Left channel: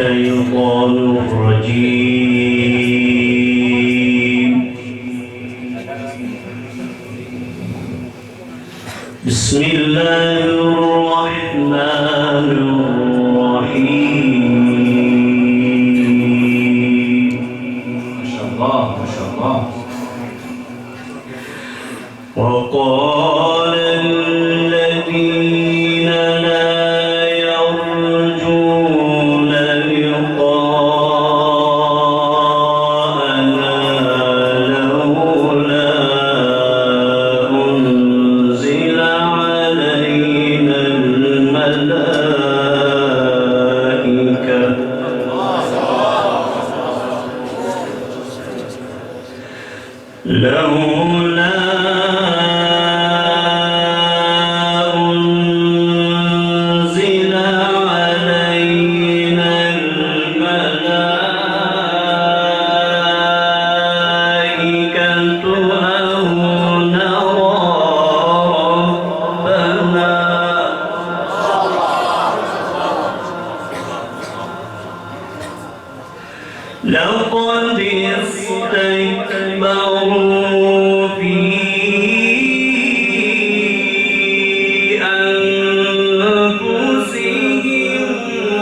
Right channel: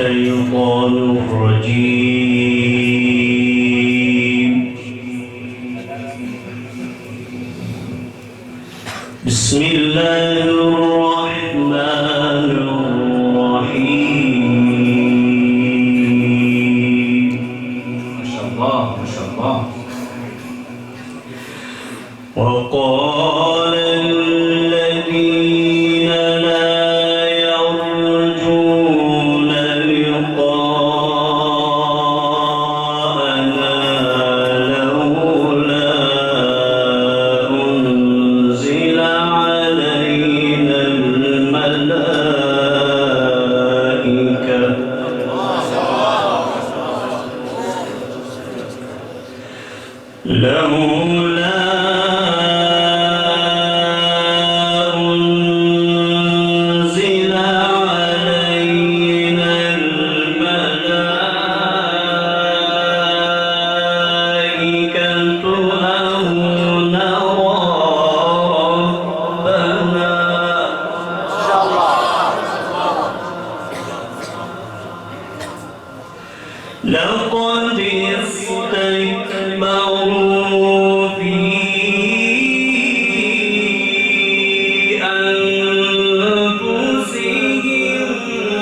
الشيطان الرجيم. بسم الله الرحمن الرحيم. ما شاء الله ما شاء الله. وقال الذين لا يرجون لقاءنا لولا أنزل علينا الملائكة لولا أنزل علينا الملائكة أو نرى ربنا لقد استكبروا في أنفسهم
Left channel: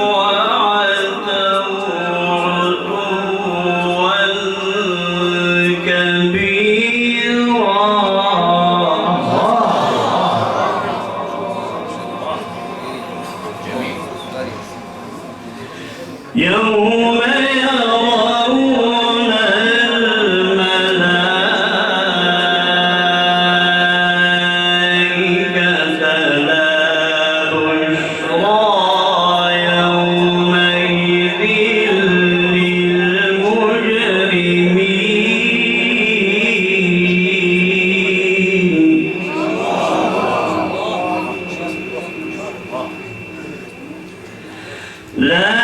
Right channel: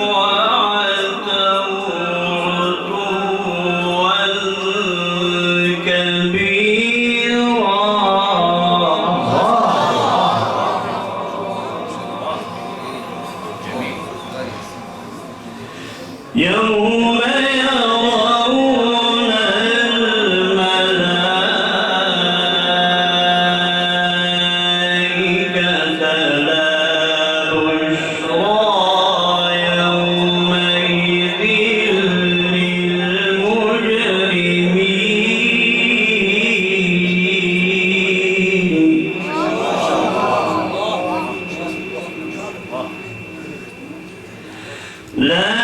وعتوا عتوا كبيرا. يوم يرون الملائكة لا بشرى يومئذ للمجرمين. لا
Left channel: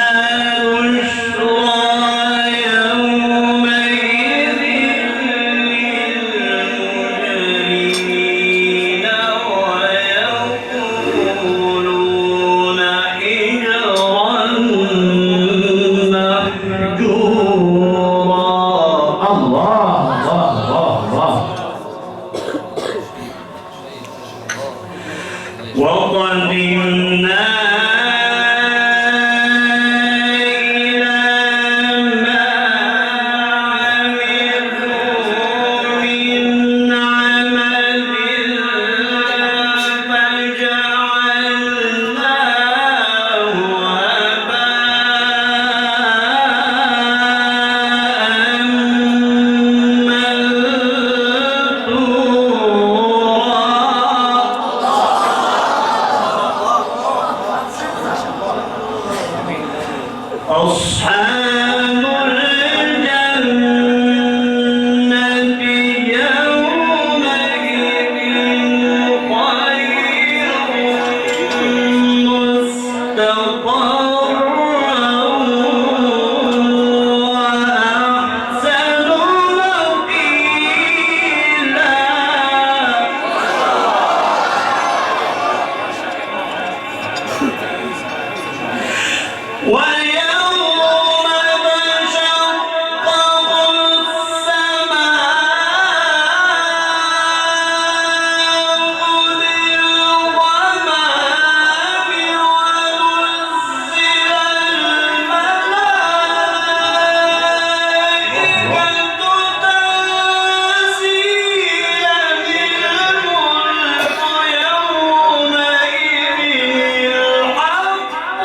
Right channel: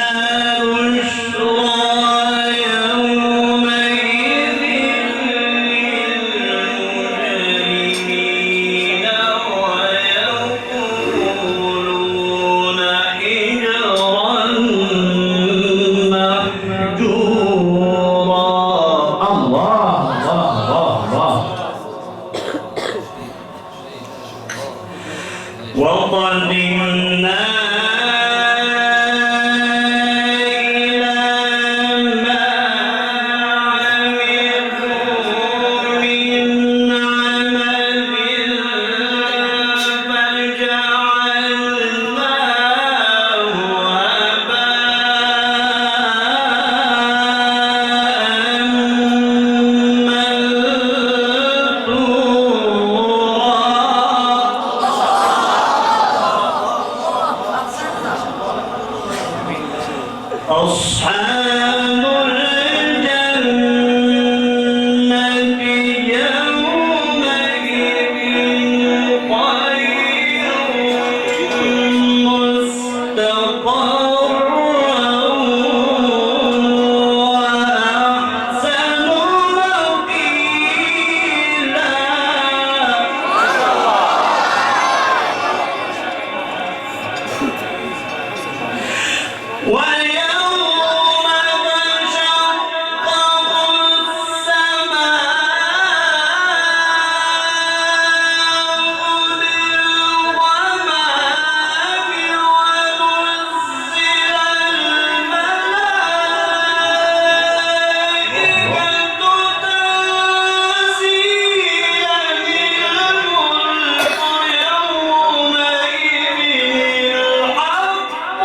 وقدمنا إلى ما عملوا من عمل فجعلناه أصحاب الجنة يومئذ خير مستقرا وأحسن مقيلا. ويوم تشقق السماء بالغمام ونزل الملائكة تنزيلا الملك يومئذ الحق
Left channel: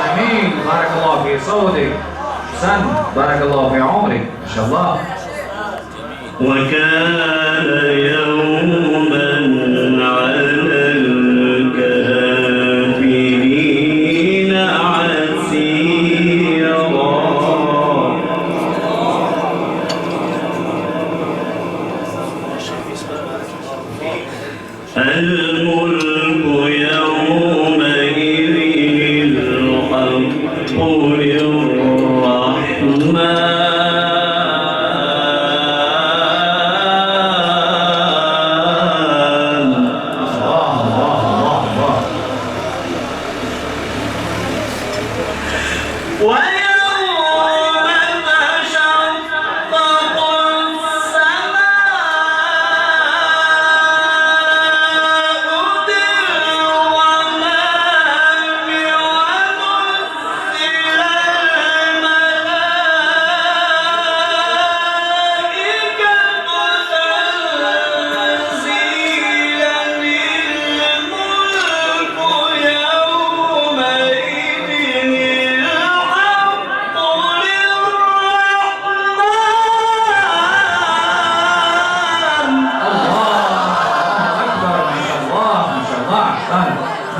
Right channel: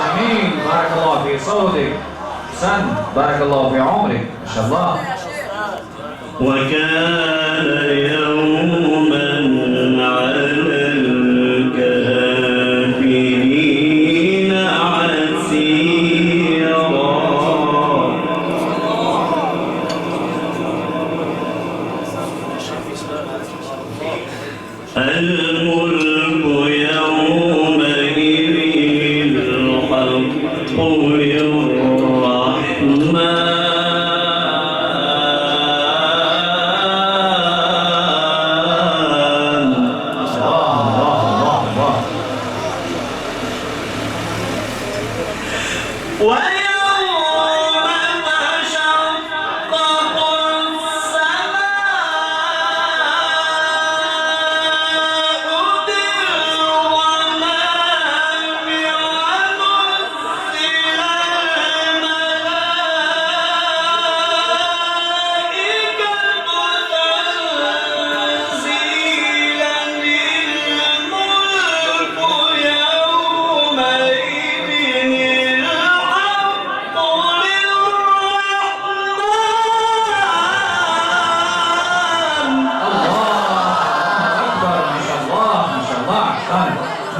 جميل. بارك الله في صوتك. أحسن. بارك الله في عمرك. ما شاء الله. وكان يوما على الكافرين عسيرا. الملك يومئذ الحق للرحمن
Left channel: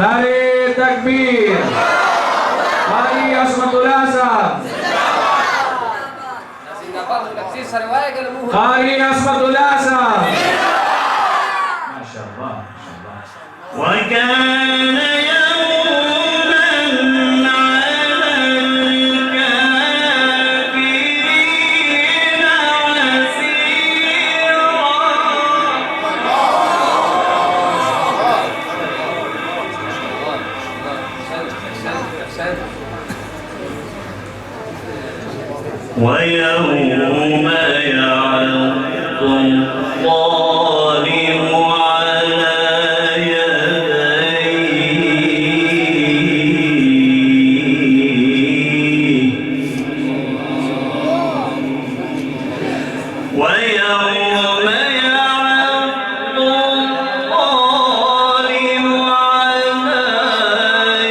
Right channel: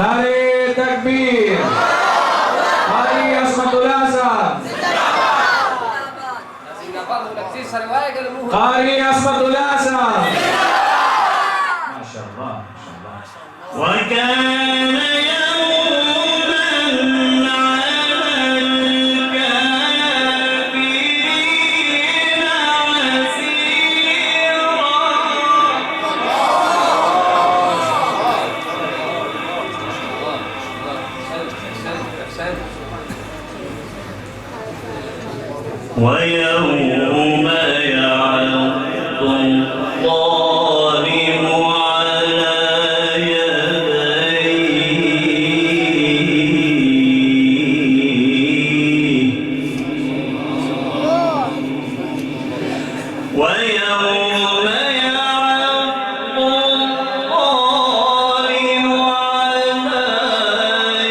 Nari takbir. Qari Asmatul Hasan. Qari Asmatul Hasan. Masya Allah. وكان يوما على الكافرين عسيرا ويوم يعض الظالم على ويوم يعض الظالم على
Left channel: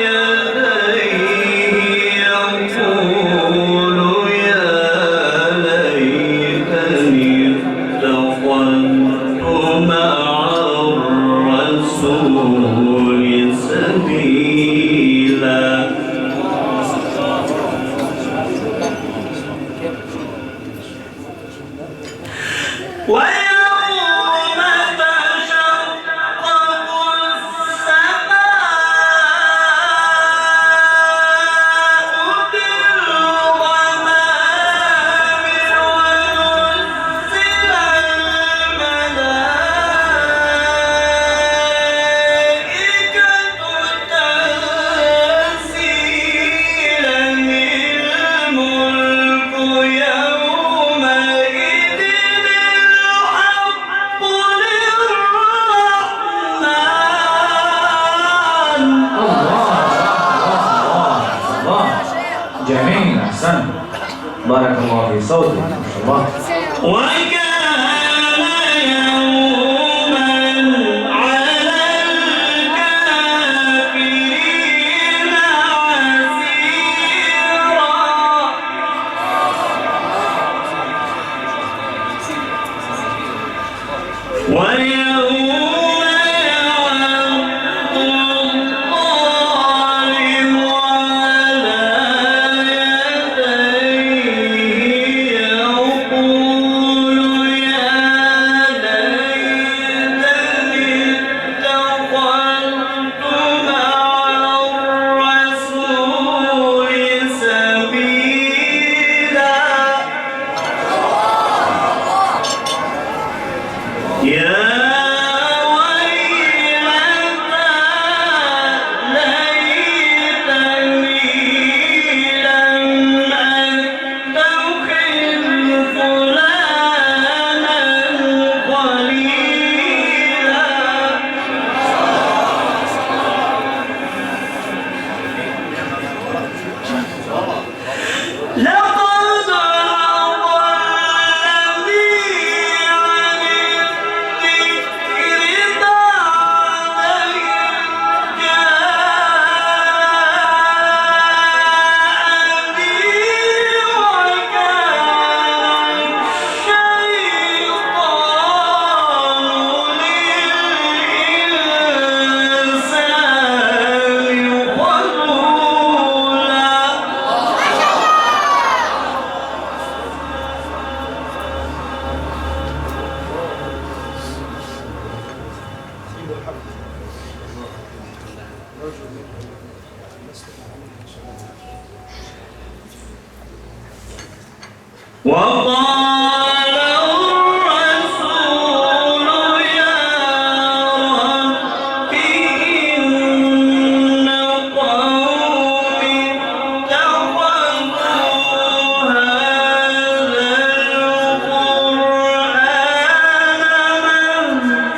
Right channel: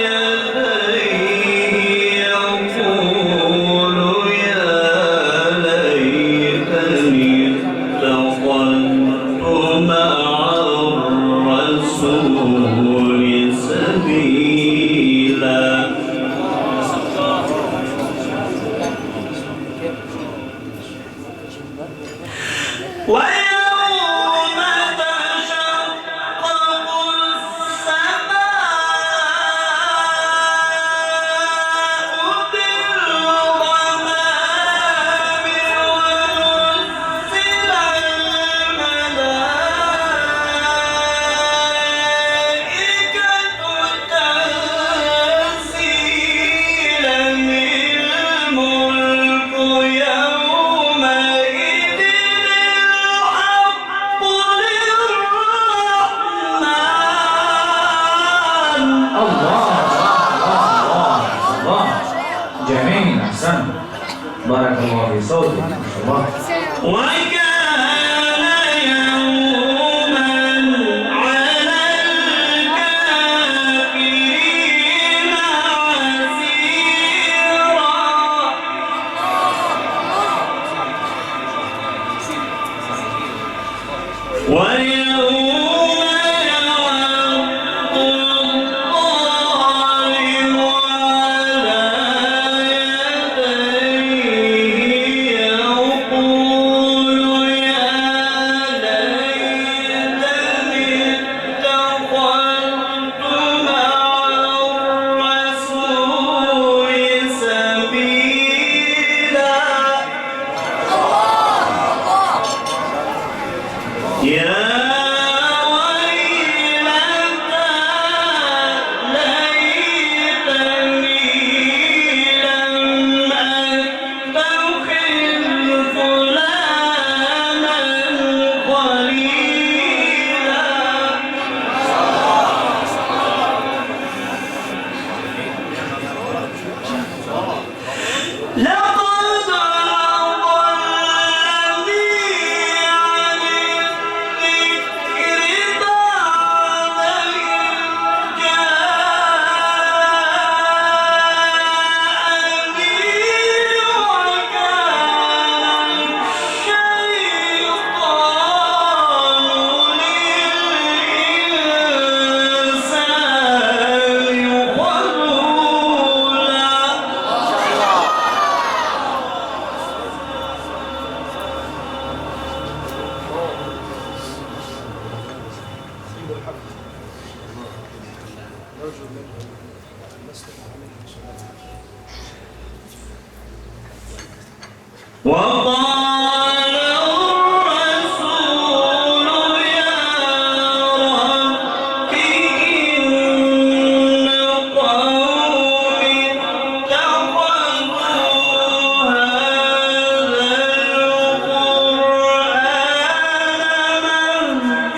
يديه يقول يا ليتني اتخذت مع الرسول سبيلا ويوم تشقق السماء بالغمام ونزل الملائكة تنزيلا الملك يومئذ الحق للرحمن Allah. Jamil. Ahsan. Barakallahu fi sawti. Allah. وكان يوما على الكافرين عسيرا ويوم يعض الظالم على يديه يقول يا ليتني اتخذت مع الرسول سبيلا يا ويلتى ليتني لم أتخذ فلانا خليلا لقد أضلني عن الذكر بعد إذ جاءني وكان الشيطان للإنسان خذولا وقال الرسول يا رب إن قومي اتخذوا هذا القرآن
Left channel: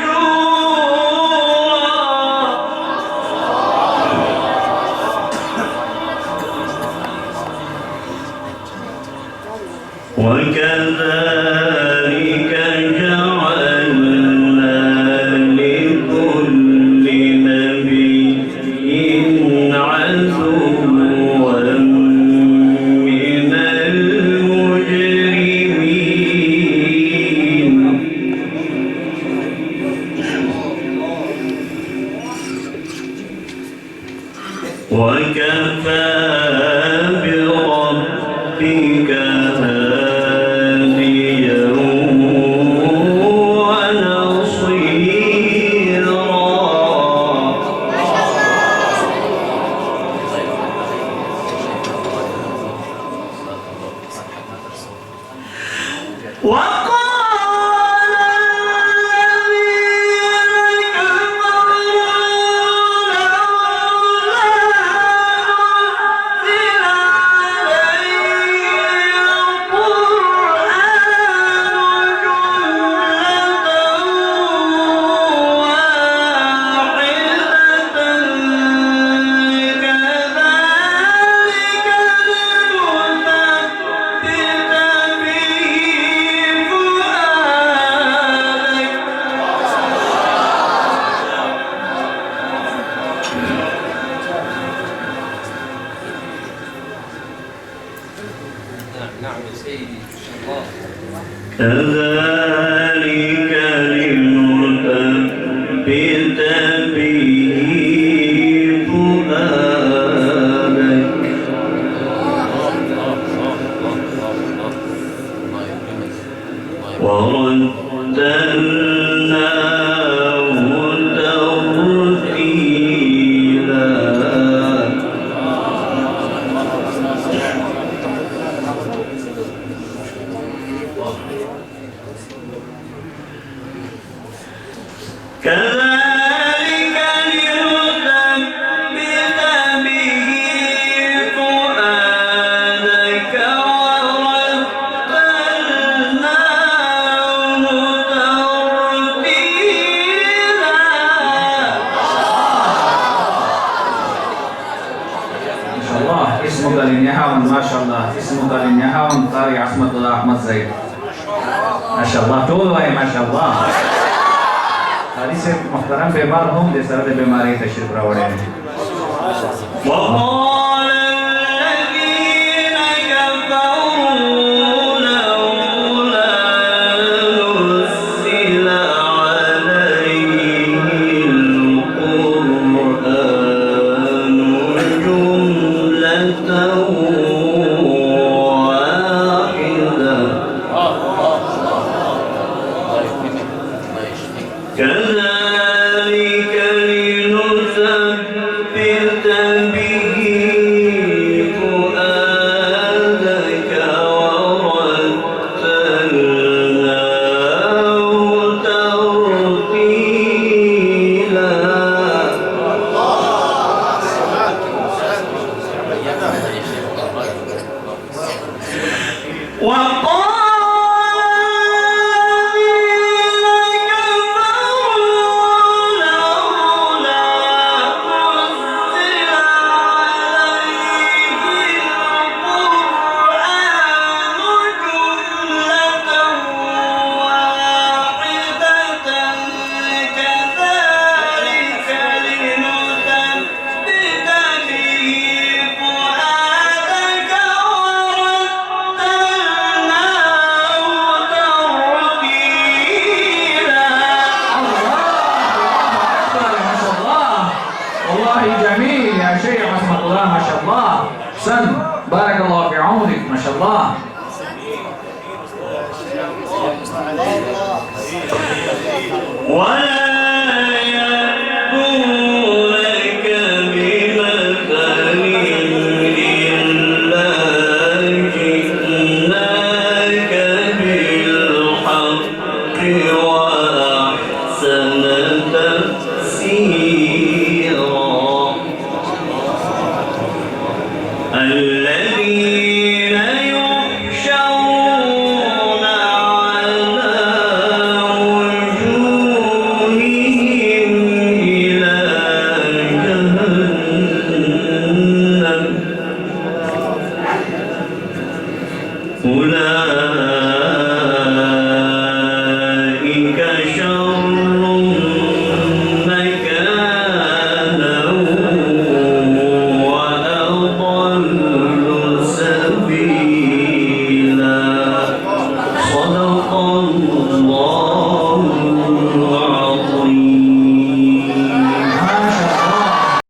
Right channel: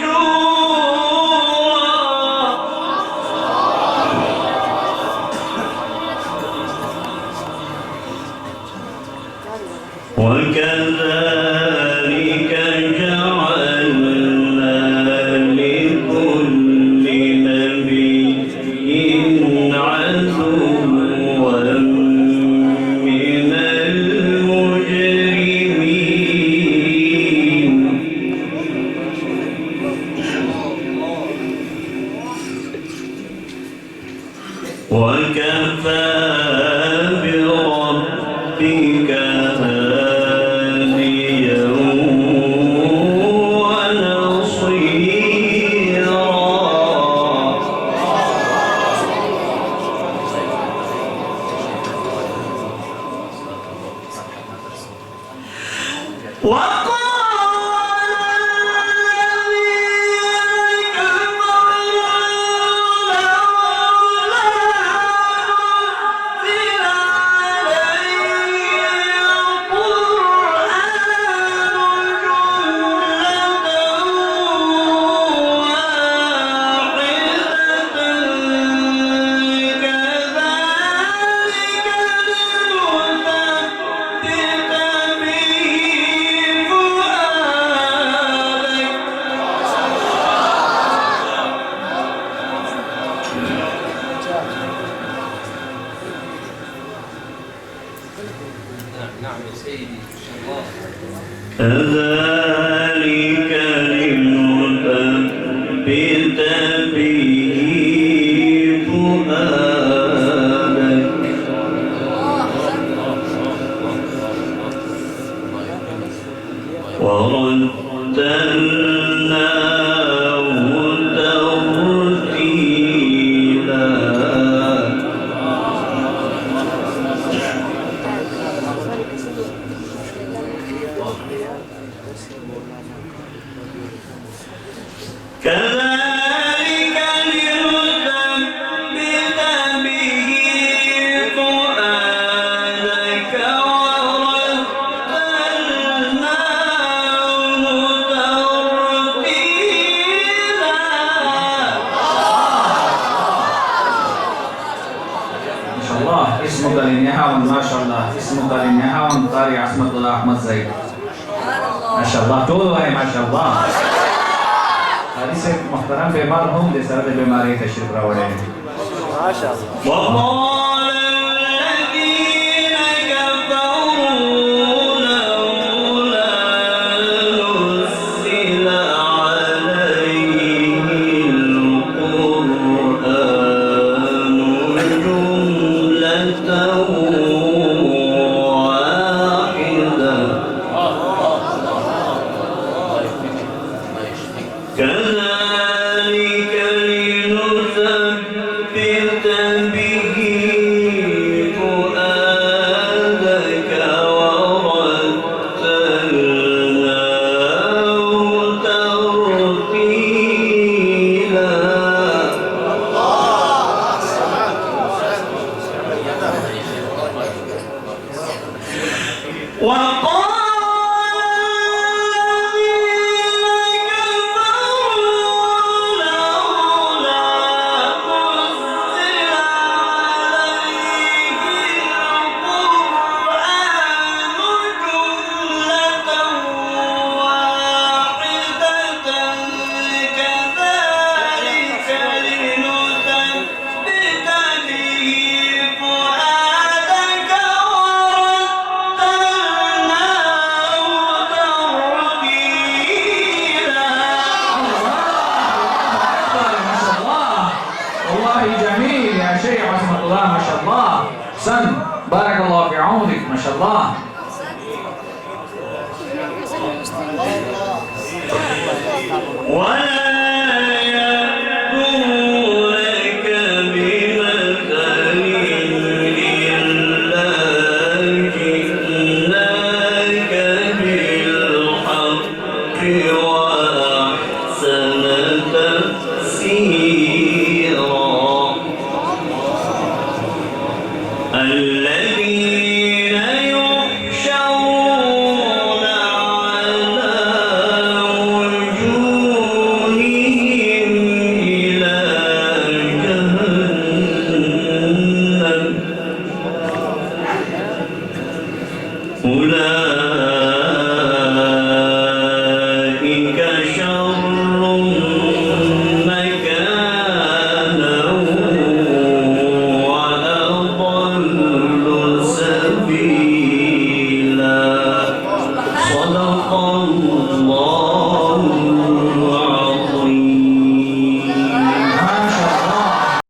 مهجورا وكذلك وكفى بربك هاديا ونصيرا. نعم يا سيدي إن شاء الله. كذلك لنثبت به فؤادك ورتلناه ترتيلا. كذلك لنثبت به فؤادك ورتلناه ترتيلا. ما شاء الله. اسمك للنهاون ما شاء الله. اسمك للنهاون قاري عصمت الله أحمد زيد. ما شاء الله. طول ما شاء الله. Tadi saya muhtaram bemar hum di sana bemari tashir rawane. وقال الذين كفروا لولا نزل عليه القرآن جملة واحدة كذلك لنثبت به فؤادك ورتلناه ترتيلا. جميل يا شيخ عصمت الله ما شاء الله. سن بارك الله في عمرك ما شاء الله. ولا يأتونك بمثل إلا جئناك بالحق وأحسن تفسيرا. الذين يحشرون على وجوههم إلى جهنم أولئك